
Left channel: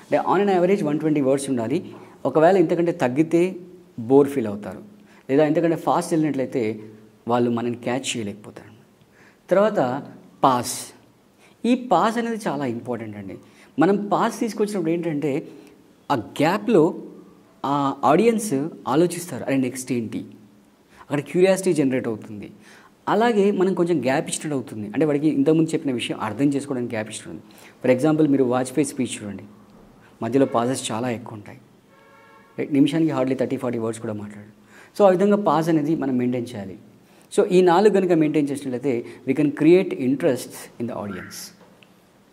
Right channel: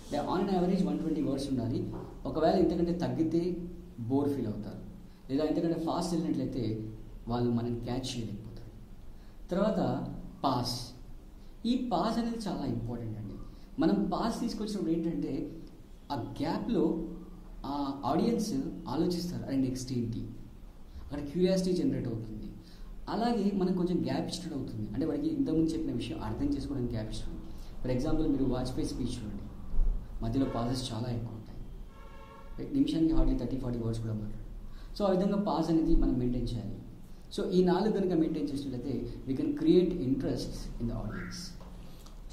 అంటే ఆన్ అన్ యావరేజ్ 120 words ఉండాలి. ఒకవేళ ఇంతకంటే తగ్గితే బోర్ ఫీల్ అవుతారు, లేదా ఇంతకంటే ఫాస్ట్ వెళ్ళినట్లయితే వాళ్ళు మనని క్యాచ్ చేయలేకపోతారు. తర్వాత ఈ పాస్ అనేది చాలా ఇంపార్టెంట్ అండి. మనం పాస్ తీసుకొచ్చినప్పుడు ఏంటంటే ఆ గ్యాప్లో ఆ ఆడియన్స్ ఆలోచిస్తారు, అరే నెక్స్ట్ ఏంటి, అక్కడ క్యూరియాసిటీ జనరేట్ అవుతుంది. అలాగే మనం కొంచెం గ్యాప్ ఇచ్చినట్టు అవుతుంది, అంటే వాడికి ఇంతకుముందు చెప్పిన విషయం అర్థం చేసుకోవడానికి గ్యాప్ ఇస్తుంది. ఫర్ ఎగ్జాంపుల్ మీరు వాజ్పేయి స్పీచ్ చూడండి, మధ్యలో పాజెస్ చాలా ఎక్కువ ఉంటాయి, నిమిషానికి హార్డ్లీ 30-40 words కూడా మాట్లాడు. సో ఆ విధంగా పాజ్ అనేది మనం మెయింటైన్ చేయాలి. సో ఈ 4 కనుక మెయింటైన్ చేసినట్లయితే we can create interest in the audience.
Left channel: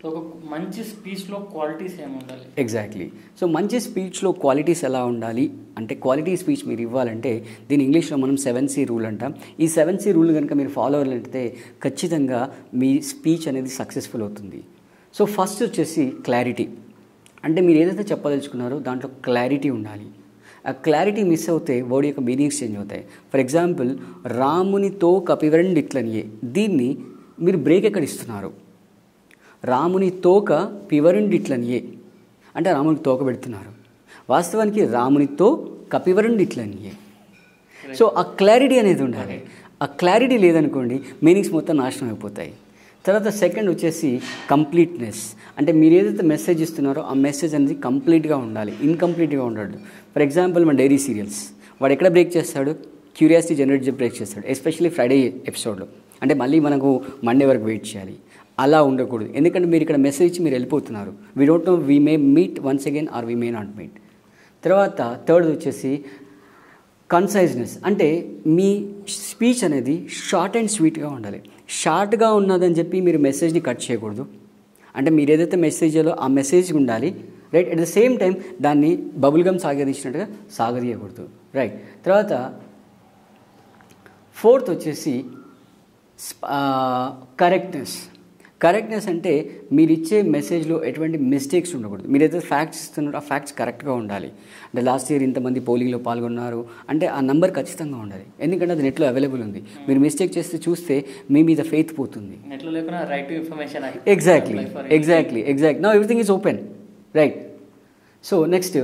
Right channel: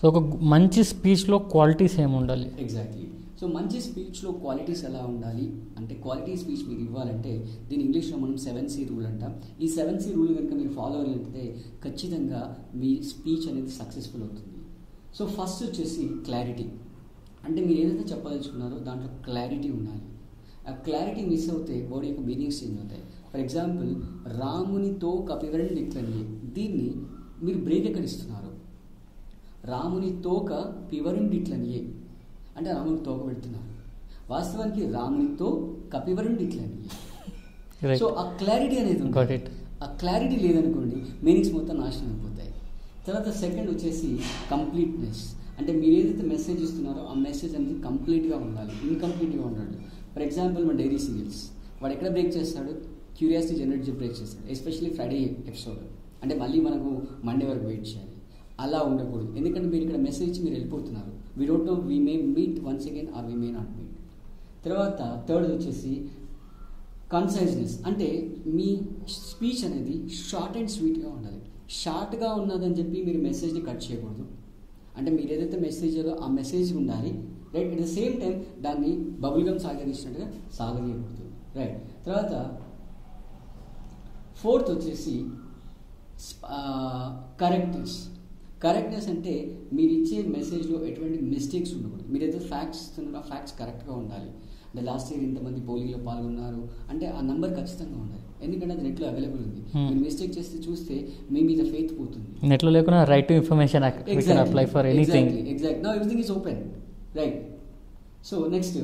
So ఒక మంచి స్పీచ్లో క్వాలిటీస్ ఏమి ఉండాలి? ఎగ్జాక్ట్లీ. సో మంచి స్పీచ్లో క్వాలిటీస్ ఎలా ఉండాలి అంటే, క్వాలిటీ స్పీచ్ మీరు ఇవ్వాలంటే దీని ఇంగ్లీష్లో మనం 7C రూల్ అంటాం. ఈ 7C రూల్ కనుక మీరు ఫాలో అవ్వాలంటే ఖచ్చితంగా మీ స్పీచ్ అనేది సక్సెస్ఫుల్ అవుతుంది. సో ఫస్ట్ వచ్చేసి క్లారిటీ. అంటే మీరు ఏదైతే చెప్పదలుచుకున్నారో దాంట్లో క్లారిటీ ఉండాలి. ఆ క్లారిటీ మిస్ అవుతే వర్డ్ యొక్క మీనింగ్స్ చేంజ్ అవుతాయి. ఫర్ ఎగ్జాంపుల్, రామునితో కపివరణ్ ఇట్లనియే, దీన్ని మీరు బ్రేక్ ఎక్కడ ఇస్తున్నారు? రాముని తోక పివరుండిట్లనియే అంటే రామునికి తోక పెడుతున్నారు. వాస్తవానికి రామునితో కపివరుండిట్లనియే. సో ఆ క్లారిటీ అనేది ఉండాలి. ఆ క్లారిటీ లేదనుకోండి మీనింగ్స్ మొత్తం నాశనం అయిపోతాయి. తర్వాత సెకండ్ వచ్చేసి కంప్లీట్నెస్. అంటే మీరు ఏదైతే మెసేజ్ ఇస్తున్నారో ఆ మెసేజ్ అనేది కంప్లీట్గా ఉండాలి, ఇన్కంప్లీట్గా ఉండదు. ఫర్ ఎగ్జాంపుల్ మన డైరీ సీరియల్స్, వాడు ఎక్కడ బ్రేక్ చేస్తాడు? క్యూరియాసిటీ జనరేట్ బ్రేక్ చేస్తాడు, ఎస్పెషల్లీ ఫ్రైడే ఎపిసోడ్లో. అంటే మళ్ళీ మనకు మండే వరకు వెయిట్ చేయాలి. అలా ఉండకూడదు. ఎందుకంటే మీరు ఇక్కడ మెసేజ్ ఇచ్చి మీరు వెళ్ళిపోతున్నారు. We don't know, we may meet once again or we may not meet. తర్వాత థర్డ్ వచ్చేసి కన్సైజ్నెస్. అంటే మీ స్పీచ్ అనేది షార్ట్ అండ్ స్వీట్గా ఉండాలి. షార్ట్గా ఉన్నదని చెప్పి మీరు మెసేజ్ని కట్ చేయకూడదు. అంటే మీరు ఏదైతే మెసేజ్లో ఆ మెసేజ్ ఉండాలి, right. At the same time దాన్ని బబుల్ గమ్ సాగదీసినట్టుగా సాగదీయకూడదు, రైట్. తర్వాత ఫోర్త్ వచ్చేసి కరెక్ట్నెస్. కరెక్ట్నెస్ అంటే మీరు ఇచ్చే మెసేజ్లో ఎటువంటి మిస్టేక్స్ ఉండకూడదు. మీరు ఏదైతే ఫ్యాక్ట్స్ ఇస్తున్నారో ఆ ఫ్యాక్ట్స్ కరెక్ట్గా ఉండాలి. అంటే లాస్ట్ ఇయర్ ఇంతమంది పోలింగ్లో పాల్గొన్నారు అంటే ఆ నెంబర్ ఖచ్చితంగా ఉండాలి. ఎందుకంటే అది నెట్లో అవైలబుల్ ఉంది. మీరు మిస్టేక్ చేస్తే చూస్తే మీ మీద ఫెయిత్ పోతుంది. నెట్లో లేకుండా right to information. Exactly. Now everything is open, right. So next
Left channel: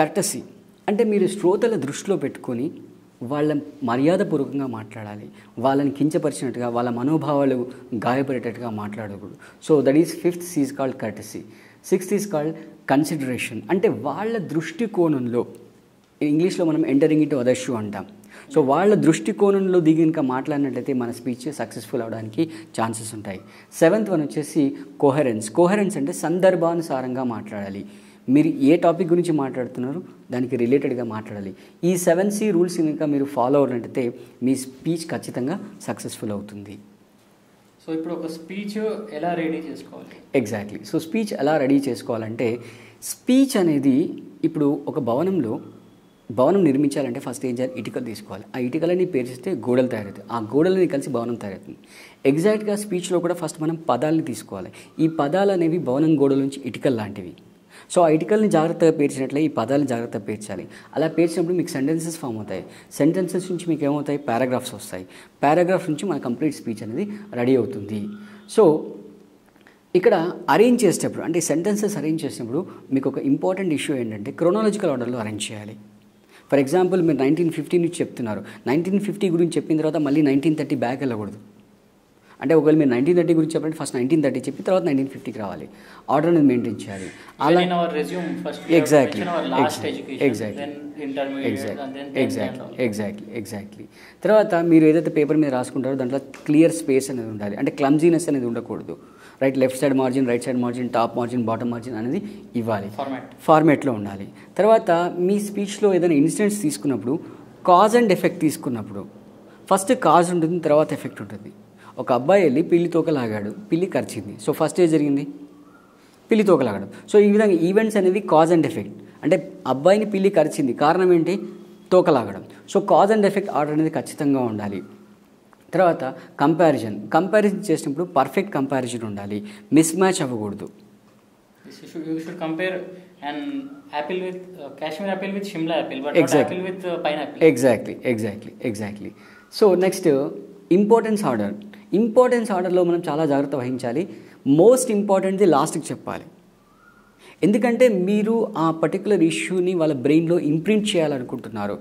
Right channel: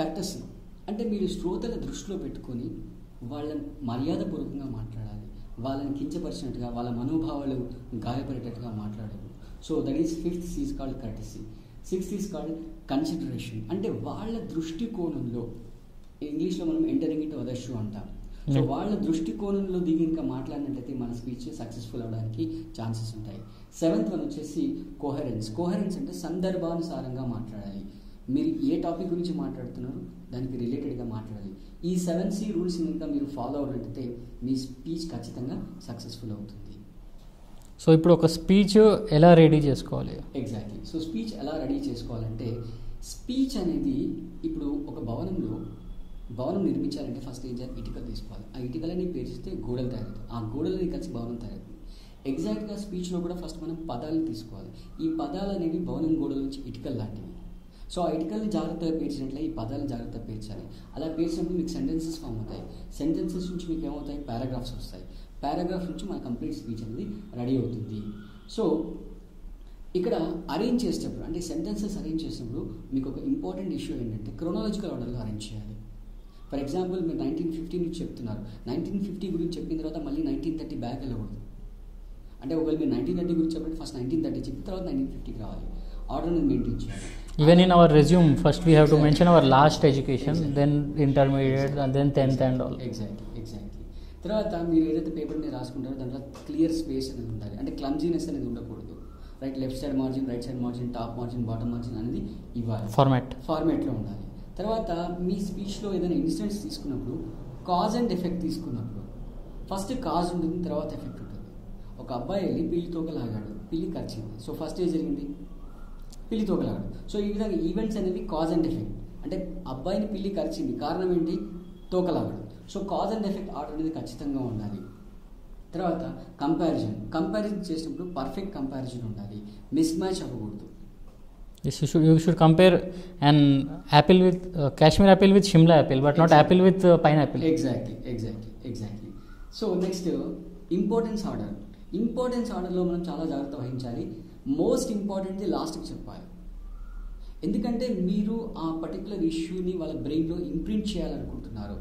courtesy. అంటే మీరు శ్రోతల దృష్టిలో పెట్టుకొని వాళ్ళ మర్యాదపూర్వకంగా మాట్లాడాలి. వాళ్ళని కించపరిచినట్టుగా, వాళ్ళ మనోభావాలు గాయపడేటట్టుగా మాట్లాడకూడదు. So that is fifth is called courtesy. Sixth is called consideration. అంటే వాళ్ళ దృష్టికోణంలో, ఇంగ్లీష్లో మనం ఎంటరింగ్ ఇంటూ అదర్ షూ అంటాం. సో వాళ్ళ దృష్టికోణంలో దిగి ఇంకా మాట్లాడినట్లయితే మన స్పీచ్ సక్సెస్ఫుల్ అవడానికి ఛాన్సెస్ ఉంటాయి. సెవెంత్ వన్ వచ్చేసి కోహరెన్స్. కోహరెన్స్ అంటే సందర్భానుసారంగా మాట్లాడాలి. మీరు ఏ టాపిక్ గురించి మాట్లాడుతున్నారో దానికి రిలేటెడ్గా మాట్లాడాలి. ఈ 7C రూల్స్ కనుక మీరు ఫాలో అవ్వాలంటే మీ స్పీచ్ ఖచ్చితంగా సక్సెస్ఫుల్ అవుతుంది. సో ఇప్పుడు ఒక స్పీచ్ ఎలా రెడీ చేసుకోవాలి? ఎగ్జాక్ట్లీ. సో స్పీచ్ ఎలా రెడీ చేసుకోవాలంటే, స్పీచ్ అనేది ఇప్పుడు ఒక భవనం నిర్మించాలంటే ఫస్ట్ ఏం చేయాలి? ఇటుకలు తీసుకోవాలి. ఆ ఇటుకలని పేర్చిస్తే గోడలు తయారవుతాయి. ఆ గోడలని కలిసి భవనం తయారవుతుంది. ఎగ్జాక్ట్గా స్పీచ్లో కూడా ఫస్ట్ మనం పదాలని తీసుకోవాలి. ఈ పదాలు అనేవి భవనం గోడల నుంచి ఇటుకలు లాంటివి. సో ఆ ఇటుకల్ని జాగ్రత్తగా పేర్చినట్లే ఈ పదాలను జాగ్రత్తగా పేర్చాలి. అలా పేర్చినప్పుడు మీకు సెంటెన్సెస్ ఫామ్ అవుతాయి. సెంటెన్సెస్ నుంచి మీకు ఏమవుతాయి? పారాగ్రాఫ్స్ వస్తాయి. పారాగ్రాఫ్ నుంచి మన కంప్లీట్ స్పీచ్ అనేది రెడీ అవుతుంది. సో ఇక్కడ అరేంజ్ చేసేటప్పుడు, అంటే సెంటెన్సెస్ అరేంజ్ చేసినప్పుడు మీకు ఒక ఇంపార్టెంట్ ఇష్యూ ఏంటంటే క్రోనాలజికల్ ఆర్డర్లో అరేంజ్ చేయాలి. ఫర్ ఎగ్జాంపుల్ మీరు 1950 నుంచి చెప్తున్నారు. 1950 గురించి చెప్పిన తర్వాత మళ్ళీ 1930 బ్యాక్ వెళ్ళకూడదు. అంటే ఒకవేళ మీరు 1930 గురించి చెప్పండి, ఫస్ట్ 1930 చెప్పి తర్వాత 1950కి రావాలి. ఆర్డర్ అనేది మెయింటైన్ చేయాలి. Even in our resume, first we have to mention our last education, then intermediate, and then 10th and all. Exactly. తర్వాత మీరు ఏదైతే పేపర్ మీద రాసుకుంటారో దాంట్లో క్లియర్ స్పేస్ అనేది ఉండాలి. అంటే క్లమ్జీనెస్ అనేది ఉండకూడదు. Right, left side margin, right side margin, top margin, bottom margin అనేది ఇవ్వాలి. ఫార్మాట్లో ఉండాలి. తర్వాత మీ స్పీచ్లో ఏదైనా ఇన్సిడెంట్స్ తీసుకున్నప్పుడు కాజ్ అండ్ ఎఫెక్ట్ తీసుకున్నప్పుడు ఫస్ట్ కాజ్ ఉంటుంది, తర్వాత ఎఫెక్ట్ ఉంటుంది. ఒక అబ్బాయి వెళ్ళి పిల్లి తోకలాగాడు, పిల్లి కరిచింది. సో ఫస్ట్ ఏం జరిగింది? పిల్లి తోకలాగడం. సో ఈ విధంగా ఈవెంట్స్ అనేవి కాజ్ అండ్ ఎఫెక్ట్. అంటే అబ్బాయిని పిల్లి కరిచింది, కారణం ఏంటి? తోకలాగడం. So cause and effect order అనేది ఖచ్చితంగా ఉండాలి. తర్వాత కంపారిజన్ చేసినప్పుడు పర్ఫెక్ట్ కంపారిజన్ ఉండాలి, మిస్ మ్యాచ్ అవ్వకూడదు. You should compare an apple with Kashmir apple with Shimla apple, but not apple with pineapple. Exactly. So next, importance ఆర్డర్లో మనం చాలా జాగ్రత్త వహించాలి. మోస్ట్ ఇంపార్టెంట్ది లాస్ట్కి చెప్పాలి. ఎందుకంటే మీరు ఆ పర్టికులర్ ఇష్యూని వాళ్ళ బ్రెయిన్లో ఇంప్రింట్ చేయాలనుకుంటున్నారు.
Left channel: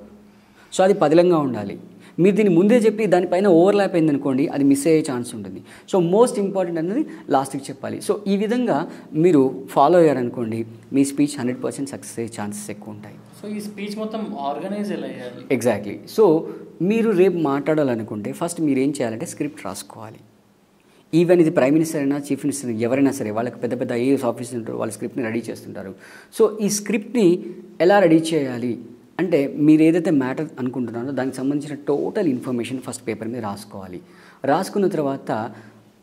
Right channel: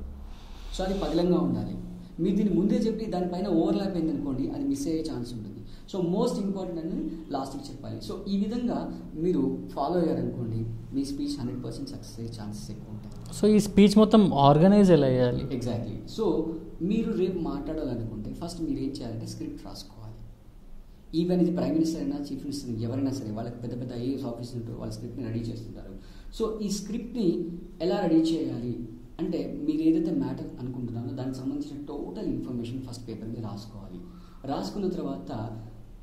సో అది పదిలంగా ఉండాలి. మీరు దీన్ని ముందే చెప్పి దానిపైన ఓవర్లాప్ అయిందనుకోండి, అది మిస్ అయ్యే ఛాన్స్ ఉంటుంది. సో మోస్ట్ ఇంపార్టెంట్ అనేది లాస్ట్కి చెప్పాలి. సో ఈ విధంగా మీరు ఫాలో అయ్యారనుకోండి, మీ స్పీచ్ 100% సక్సెస్ అయ్యే ఛాన్సెస్ ఎక్కువ ఉంటాయి. సో ఈ స్పీచ్ మొత్తం ఆర్గనైజ్ ఎలా చేయాలి? ఎగ్జాక్ట్లీ. సో మీరు రేపు మాట్లాడాలనుకుంటే ఫస్ట్ మీరు ఏం చేయాలంటే స్క్రిప్ట్ రాసుకోవాలి. ఈవెన్ ఇది ప్రైమ్ మినిస్టర్ అయినా, చీఫ్ మినిస్టర్ ఎవరైనా సరే, వాళ్ళకి పెద్ద పెద్ద ఐఏఎస్ ఆఫీసర్స్ ఉంటారు, వాళ్ళ స్క్రిప్ట్ని రెడీ చేస్తుంటారు. సో ఈ స్క్రిప్ట్ని ఎలా రెడీ చేయాలి అంటే, మీరు ఏదైతే మ్యాటర్ అనుకుంటున్నారో దానికి సంబంధించిన టోటల్ ఇన్ఫర్మేషన్ ఫస్ట్ పేపర్ మీద రాసుకోవాలి. రాసుకున్న తర్వాత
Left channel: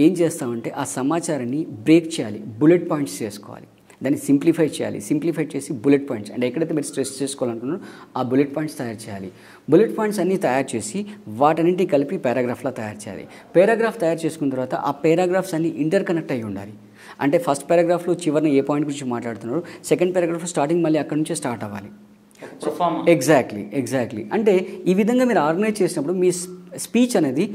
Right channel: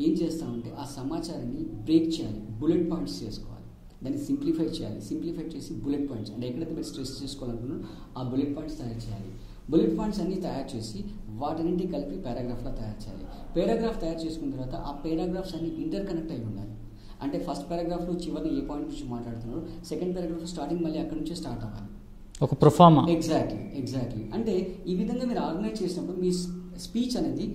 ఏం చేస్తామంటే ఆ సమాచారాన్ని బ్రేక్ చేయాలి, బుల్లెట్ పాయింట్స్ చేసుకోవాలి, దాన్ని సింప్లిఫై చేయాలి. సింప్లిఫై చేసి బుల్లెట్ పాయింట్స్, అంటే ఎక్కడైతే మీరు స్ట్రెస్ చేసుకోవాలనుకున్నారో ఆ బుల్లెట్ పాయింట్స్ తయారు చేయాలి. బుల్లెట్ పాయింట్స్ అన్నీ తయారు చేసి వాటన్నింటినీ కలిపి పారాగ్రాఫ్లా తయారు చేయాలి. పారాగ్రాఫ్ తయారు చేసుకున్న తర్వాత ఆ పారాగ్రాఫ్స్ అన్నీ ఇంటర్ కనెక్ట్ అయ్యి ఉండాలి. అంటే ఫస్ట్ పారాగ్రాఫ్లో చివరిని ఏ పాయింట్ గురించి మాట్లాడుతున్నారు, సెకండ్ పారాగ్రాఫ్ స్టార్టింగ్ మళ్ళీ అక్కడ నుంచే స్టార్ట్ అవ్వాలి. ఒక ప్రొఫార్మా. ఎగ్జాక్ట్లీ. అంటే ఈ విధంగా మీరు ఆర్గనైజ్ చేసినప్పుడు మీ స్పీచ్ అనేది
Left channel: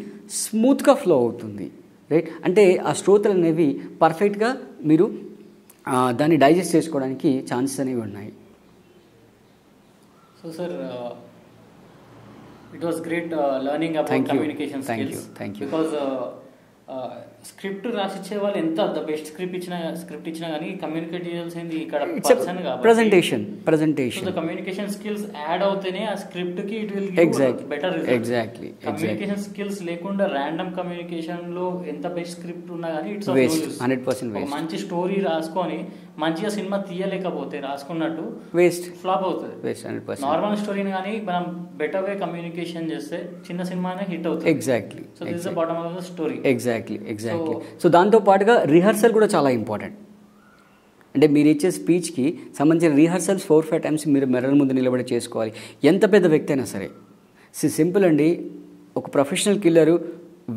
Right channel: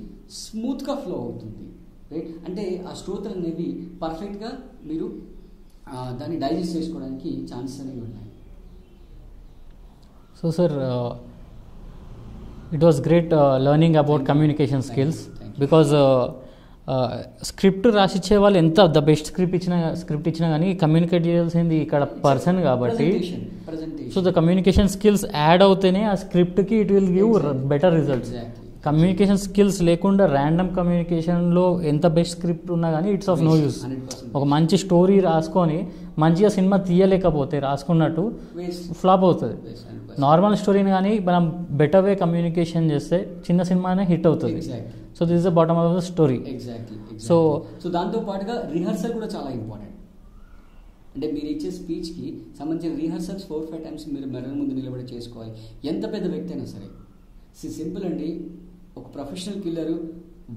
స్మూత్గా ఫ్లో అవుతుంది, రైట్. అంటే ఆ శ్రోతలు అనేవి పర్ఫెక్ట్గా మీరు దాన్ని డైజెస్ట్ చేసుకోవడానికి ఛాన్సెస్ అనేవి ఉన్నాయి. So sir, it was great learning about communication skills. Because script రాసిచ్చే వాళ్ళు ఎంత ద బెస్ట్ స్క్రిప్ట్ ఇచ్చినా కానీ కమ్యూనికేట్ చేయాల్సింది ఇక్కడ పర్సన్ కాబట్టి presentation. So the communication skills add అవుతేనే ఆ స్క్రిప్ట్ కి it will give better result. Communication skills లేకుండా ర్యాండమ్ కమ్యూనికేషన్ లో ఎంత బెస్ట్ స్క్రిప్ట్ ఉన్నా కానీ ఇట్స్ ఆఫ్ నో యూస్. ఒక మంచి స్టోరీ రాసుకొని మంచిగా సినిమా తీయలేకపోతే రాసుకున్నట్టు ఫ్లాప్ అవుతుంది. నార్మల్ స్టోరీని కానీ మనం బెటర్ వే కమ్యూనికేషన్ చేస్తే చిన్న సినిమానే హిట్ అవుతుంది. Exactly. So this is the bottom of the story. Exactly. So దాంతో పాటుగా రిహర్సల్ కూడా చాలా ఇంపార్టెంట్. అంటే మీరు ఇచ్చే స్పీచ్కి సంబంధించిన రిహర్సల్స్ 4-5 టైమ్స్ మీరు మిర్రర్ ముందు నిలబడి చేసుకోవాలి, ఎంత పెద్ద వ్యక్తి అయినా సరే. సింపుల్ అండి. ఒక ప్రొఫెషనల్ కిల్లరు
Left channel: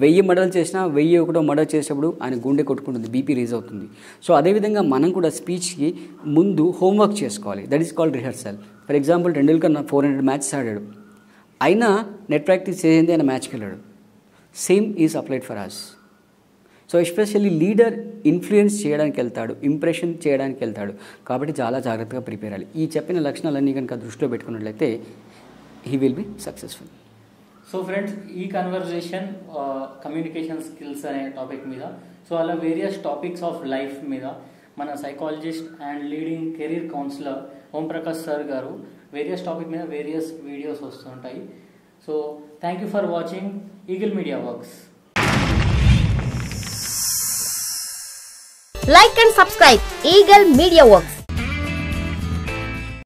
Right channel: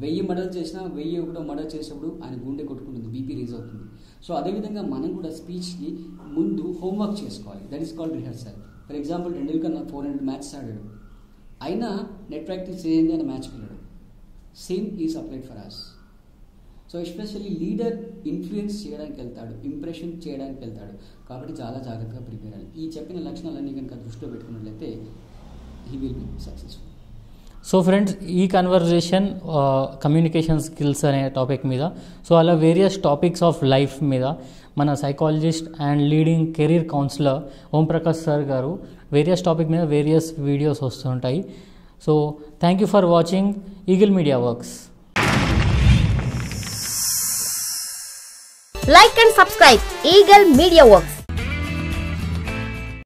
1000 మర్డర్లు చేసినా 1001 మర్డర్ చేసేటప్పుడు ఆయన గుండె కొట్టుకుంటుంది, బీపీ రేజ్ అవుతుంది. సో అదేవిధంగా మనం కూడా స్పీచ్కి ముందు హోంవర్క్ చేసుకోవాలి. That is called rehearsal. For example Tendulkar 400 matches ఆడాడు, అయినా నెట్ ప్రాక్టీస్ చేసింది ఆయన మ్యాచ్కి వెళ్ళాడు. Same is applied for us. So especially leader influence చేయడానికి వెళ్తాడు, ఇంప్రెషన్ చేయడానికి వెళ్తాడు, కాబట్టి చాలా జాగ్రత్తగా ప్రిపేర్ అవ్వాలి. ఈ చెప్పిన లక్షణాలన్నీ కనుక దృష్టిలో పెట్టుకున్నట్లయితే he will be successful. So friends, ఈ కన్వర్జేషన్ కమ్యూనికేషన్ స్కిల్స్ అనే టాపిక్ మీద, సో అలా వేరియస్ టాపిక్స్ ఆఫ్ లైఫ్ మీద మన psychologist and leading career counsellor Omprakash sir గారు వేరియస్ టాపిక్ మీద వేరియస్ వీడియోస్ వస్తుంటాయి. So thank you for watching Eagle media Works. Like and subscribe Eagle Media Works.